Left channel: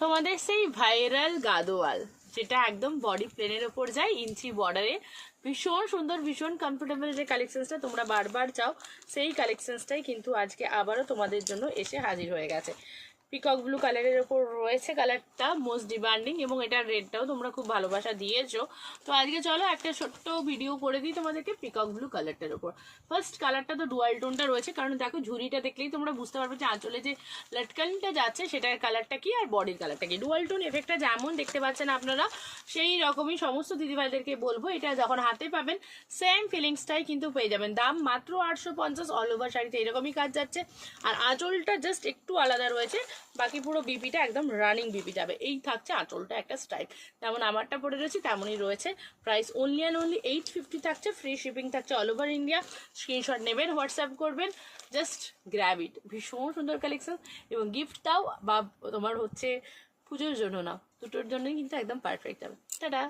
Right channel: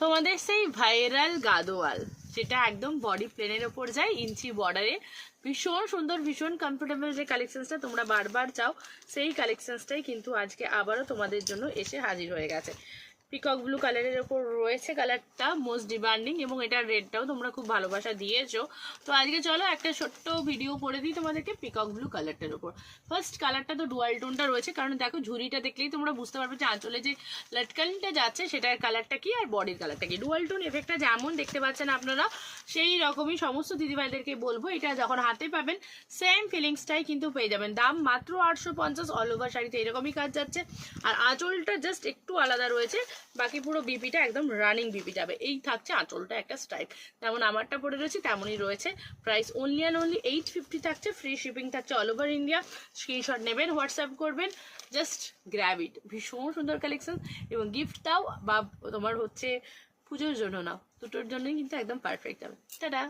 তোমাদের সেই ভাইরাল গাদোয়াল, যেটা একদম বডি প্লেনের ওপর যায়, ইঞ্চি বর্ডারে, ভীষণ সুন্দর, ভীষণ কমফোর্টেবল যে কালেকশনসটা তোমরা বারবার চাও, সেই কালেকশনসটাই কিন্তু আজকে আবারও তোমাদের জন্য এসে হাজির হয়ে গেছে। পিকক ব্লু কালারের ওপর রয়েছে, কালারটা মোস্ট ডিমান্ডিং, এবং এটার রেটটাও তোমরা খুব ভালোবাসা দিয়েছো। তো আজকে চলো একটা ছোট্ট ভিডিও করে দিই তোমাদেরকে পিকক ব্লু কালারটার ওপর। ফার্স্ট কালারটা তো ডুয়াল টোনটা রয়েছে, কারণ দেখো ঝুড়িটা দেখলেই তোমরা বুঝতে পারবে যে আঁচলে যে লটকানটা যাচ্ছে সেটার কালারটা কি আর বডির কালারটা কি। ডুয়াল টোন এফেক্টটা যেমন দেখতে পাচ্ছেন আপনারা, সেই রকমই সমস্ত দিদিভাইদেরকে বলবো এটা যখন হাতে পাবেন সেম ফিলিংসটাই কিন্তু পেয়ে যাবেন। দাম মাত্র 850, অল ওভার শাড়িতে এরকমই কাজ যাচ্ছে। আর আঁচলটা জাস্ট একটু আলাদা রয়েছে, বাকি পুরো বিপিটা একদম রানিং বিপি যাবে। এই থাকছে আঁচলটা একটা স্টাইল, যেমন আমারটা পরে রয়েছে তেমনই রয়েছে। প্রাইস অনলি অ্যান্ড অনলি 850 থাকছে, ফ্রি শিপিং থাকছে অল ওভার ইন্ডিয়া। স্ক্রিনশট নেবেন, হোয়াটসঅ্যাপ করবেন, জাস্ট গ্র্যাব ইট। ভীষণ সুন্দর কালেকশন, এবং গিফট দাও বা তোমার হচ্ছে পুজোর জন্য নাও, দুটোর জন্যই কিন্তু একদম পারফেক্ট যাবে। টাটা।